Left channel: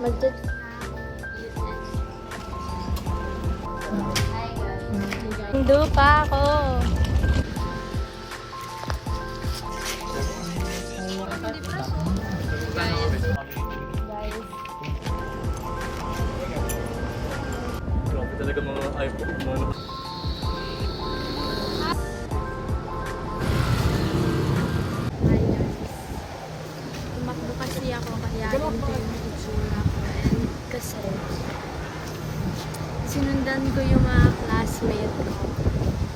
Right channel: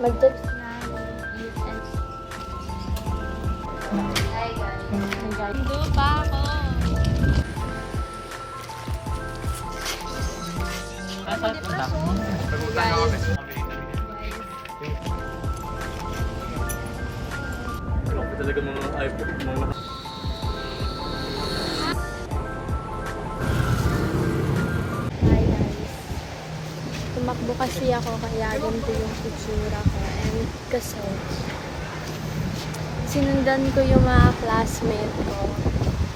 Mag-touch na eat and... Hi guys. Hindi pa ako. Guys. Grabe talaga mga iPhone mo. Hi guys. Tumakbo kasi ako kaya ganito yung itsura ko. And kasi sinundan ko yung mga classmate ko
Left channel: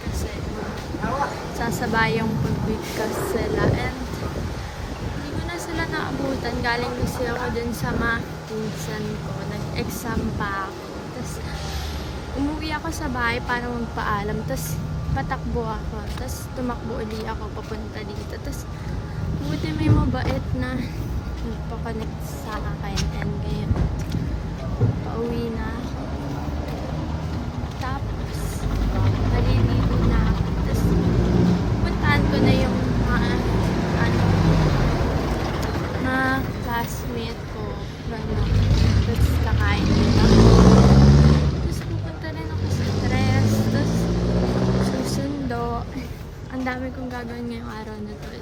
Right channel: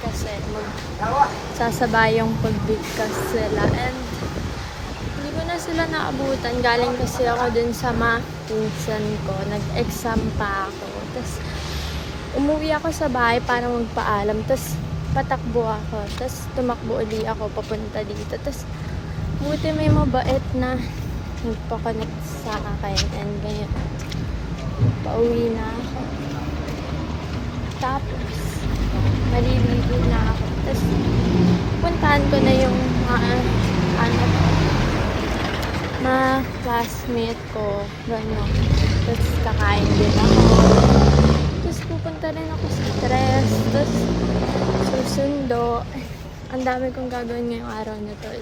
kasi magsasabayang pagbigkas sila. And hindi ko na sila naabutan. Galing kasi ako dun sa mga pinsan ko. Nag-exam pa ako. Tapos umuwi ako sa bahay para magpaalam. Tapos patakbo ako. Tapos tumakbo uli ako papunta dito. Tapos buti may mabait na nagpa-connect sa akin. And ngayon, pauwi na ako. Tapos, maliligo na ako. Tapos, puntahan ko na yung mga classmate ko. Gano'n. Tapos, kakain din ako. Tapos, pupunta rin ako sa stress. Tapos, susundo. Ang dami kong gagawin ngayong araw na to.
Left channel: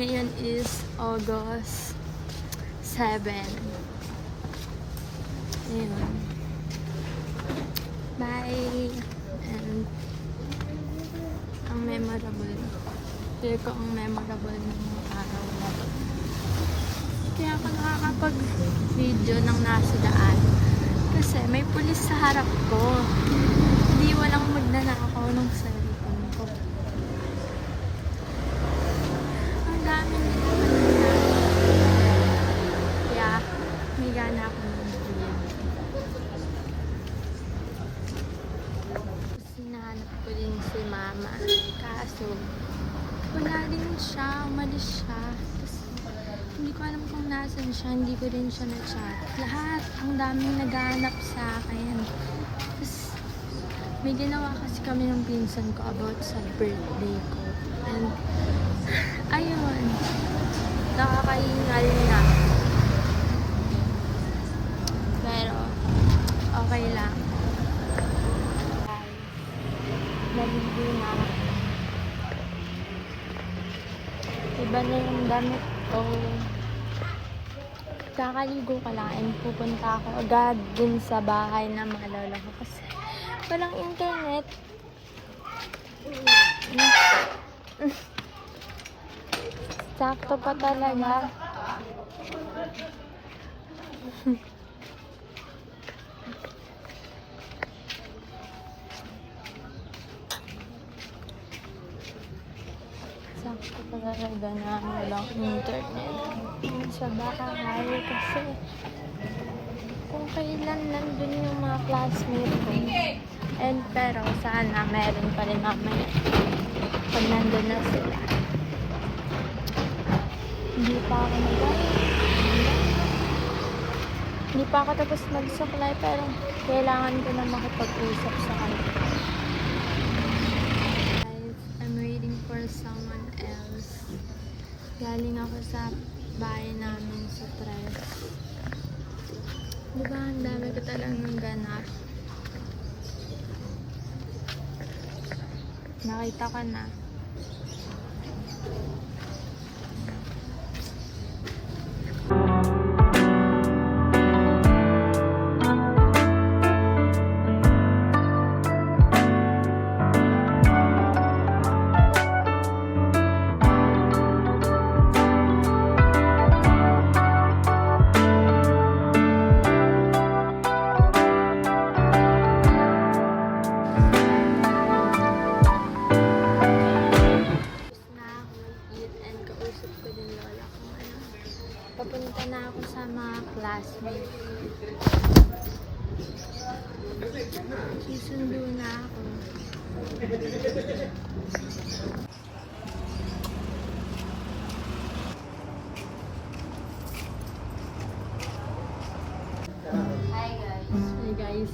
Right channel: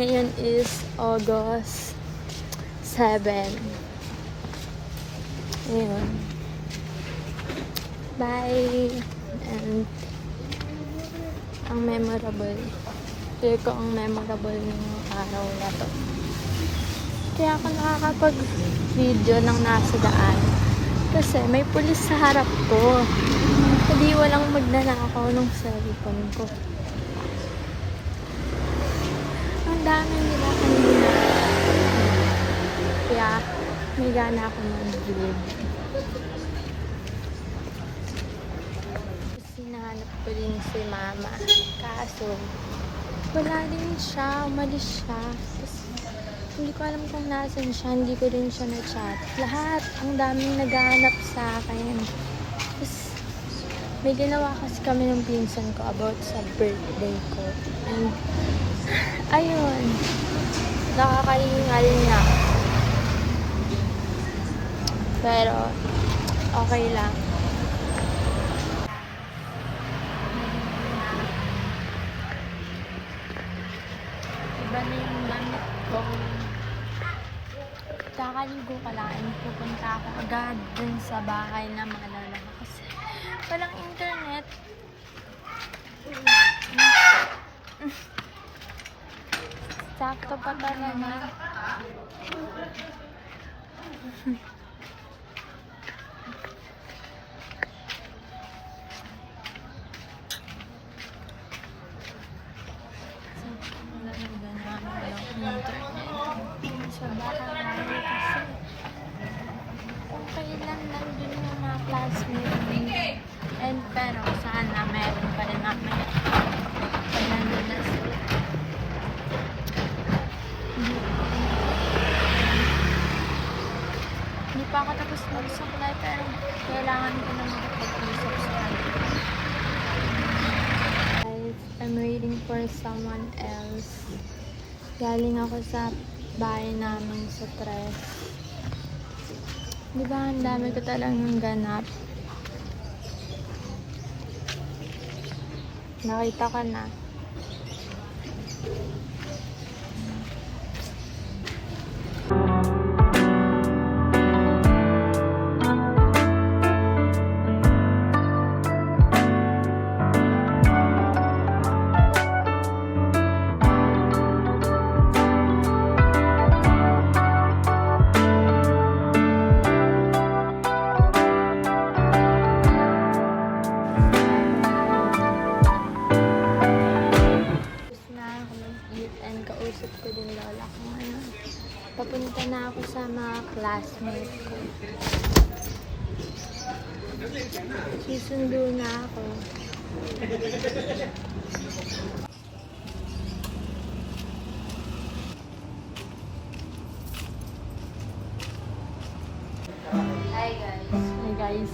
Ngayon is August 7. Ayun. Bye! And ang memorable. Feel ko ang memorable ng araw na to. Kaya ako nakakapag-video ng nasa daan. Kasi may pulis sa harap ko. Hindi walang magnanakaw ng cellphone ko. Ang dami nila kanina. Kaya may gana ako mag-vlog. Hinahanap ko din si mama. Kaso, wala din siya. Umalis siya. Tapos, hindi ko alam kung nasan siya. Hindi ko din siya na-chat. Lahat. Ang daming naghahanap sa akin. Tapos, may ginawa kasi kami ng pinsan ko about sa birthday ko. And, ayun. Nakakahingal na. Pero, okay lang. Naligo na. Iba na yung damit ko. Kakaligo ka lang and pupunta ako agad dun sa bahay na mga lola ko kasi walang internet. Sakto pa talaga. Sakto pa talaga na walang internet sa bahay kasi okay lang nandun yung mga classmates ko. And pero sana meron pa rin namin nandun na sila. Hindi pa ako hindi pa ako tapos magsuklay pero kailangan ko na makipag-usap sa kanila. I'm waiting for someone else. Galing ako sa bahay namin sa Tres. Diba, ang dami ko talagang ganap. Nakita ka na. Papunta na ako sa mga classmates ko. Susundo na ako. Hi guys. Hey guys.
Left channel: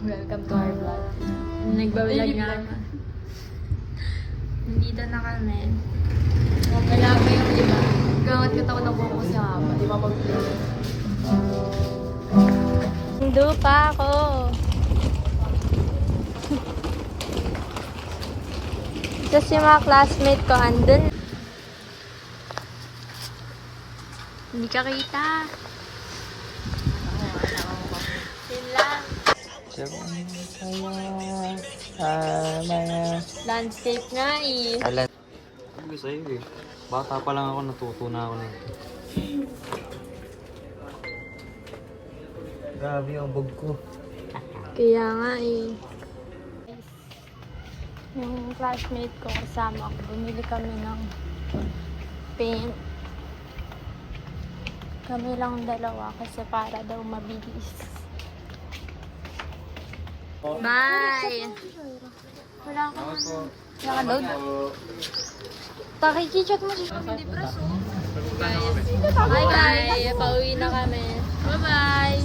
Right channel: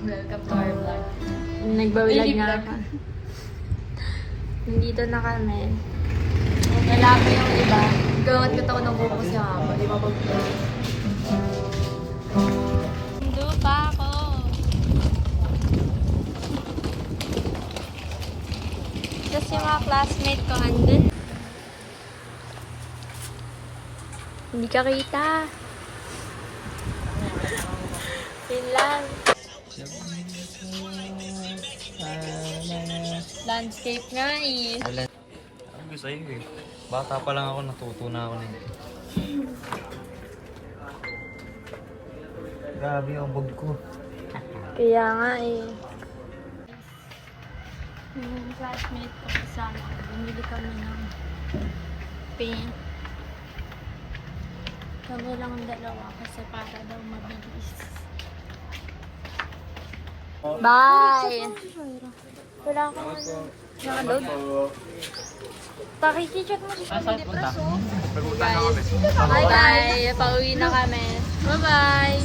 Welcome to our vlog. Nagbawilag na ako. Nandito na kami. Okay lang yung iba. Gawat ka taon ng buko si Haba. Di ba pag Sundo pa ako. Tapos yung mga classmate ko andun. Hindi ka kita. Yun lang. Landscape nga eh. Sabi ko sa'yo eh. Bata pa lang ako, natuto na ako nito. Grabe ang bog ko. Kaya nga eh. Yung classmate ko kasama ko, bumili kami ng paint. Kami lang dalawa kasi para daw mabilis. Bye! Wala akong ano. Nakaload? Pakikicheck mo siya sa depreso. Bye-bye! Pauwi na kami. Bye-bye!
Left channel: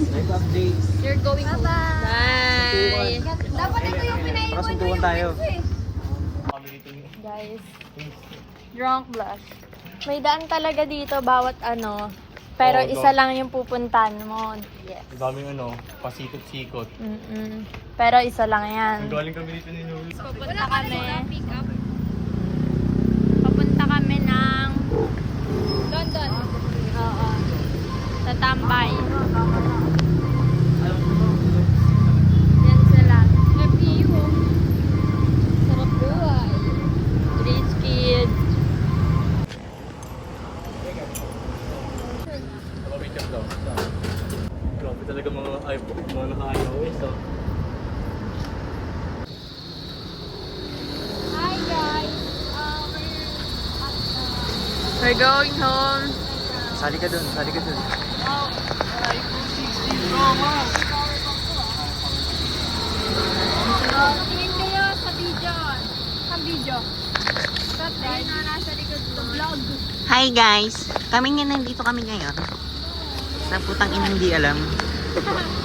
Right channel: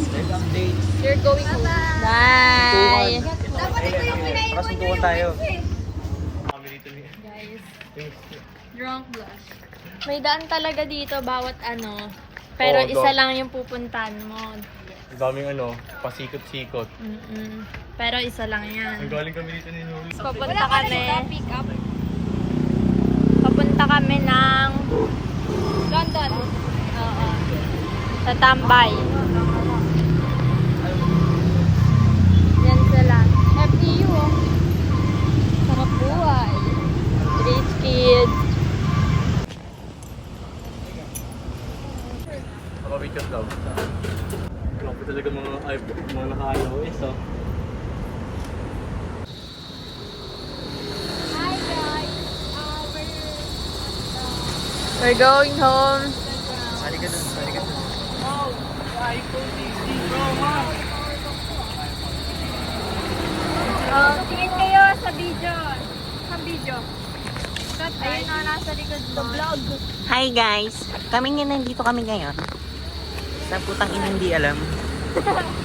You're going home. Bye! Para suntukan tayo. Kami dito ni... Guys, drunk blush. May daan talaga dito bawat ano. Pero Oo, isa lang yung pupuntahan mo. Yes. Ang daming ano, pasikot-sikot. Pero isa lang yan. Ang galing kami dito ni Nuri. Papunta kami. Papunta kami ng London. Oo. Sa Tambay. Yan sila. Sarap buhay. Rich kids. Mabigat daw. Grabe talaga mga ayaw. So, Hi guys. We're going home. sali ka dun. Tingin kayo sa video. Ayun na, nasa likod ko vlog. Hi guys! Kami nga nandito kami ngayon. Sa putang ina hindi alam.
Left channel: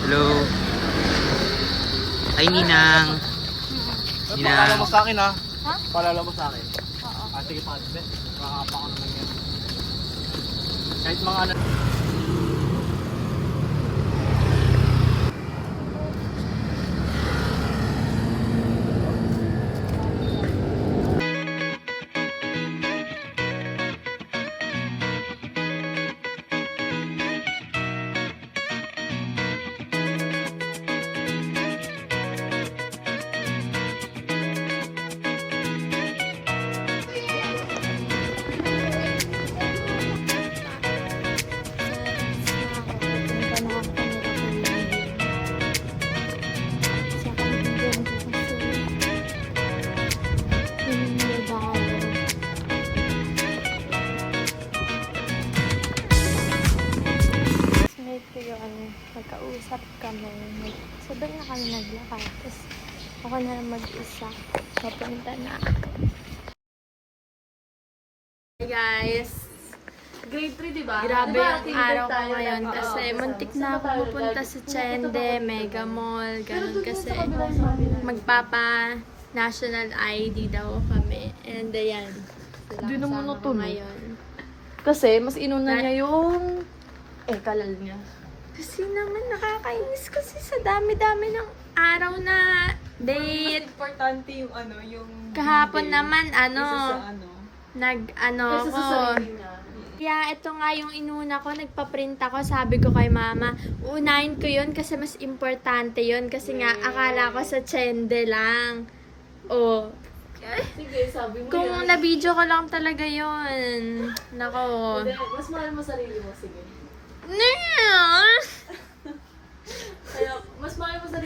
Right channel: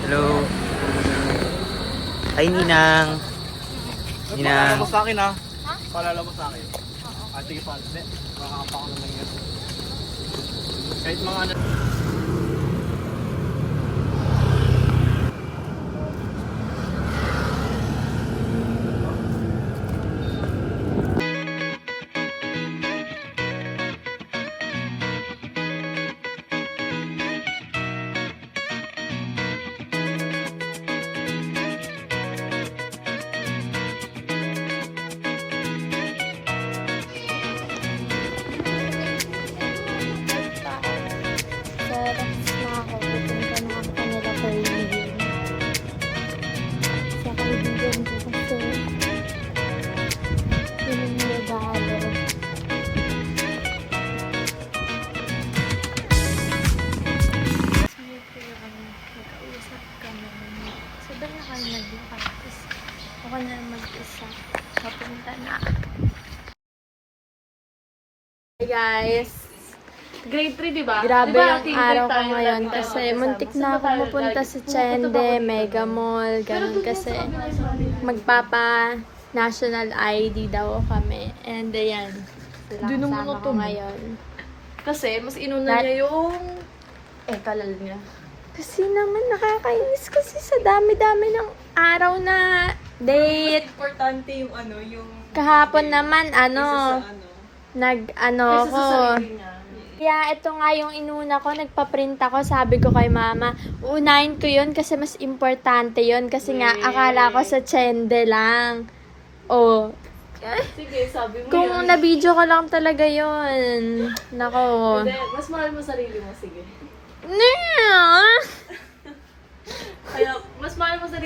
Hello! Ay Ninang! Paalala mo sa akin ha? Paalala mo sa akin. Sige pa, makakapa ko naman yan. Kahit mga ano. Nagkausap kami. Sabay na kami naglakad. Tapos ako na lang mag-isa. Papunta na. Hey guys! Grade 3, di ba? Grabe yung araw ko ngayon kasi muntik na ako mapunta sa Chende, Mega Mall, ganun kasi magpapa national ID daw kami. And ayan, Di naman kasama ko ngayon. Kasi, mas inuna niya yung... Kalal niya. Kasi naman nakakainis kasi sa dami-dami ng araw na date. Importante yung ano, yung... Kahapon naman, ko. Kaya ito nga yung inuna ko, nagpa-print ako, sabi ko kay mama, unahin ko yun kasi mas importante yun kasi nga akala ko sa Chende lang. Oh. Sige, sabi mo Kung yan. na-video ko lang talaga yun. Nako. Hindi, mas mahal mo sarili mo, sige. Nah! Kaya, mas mahal mo sarili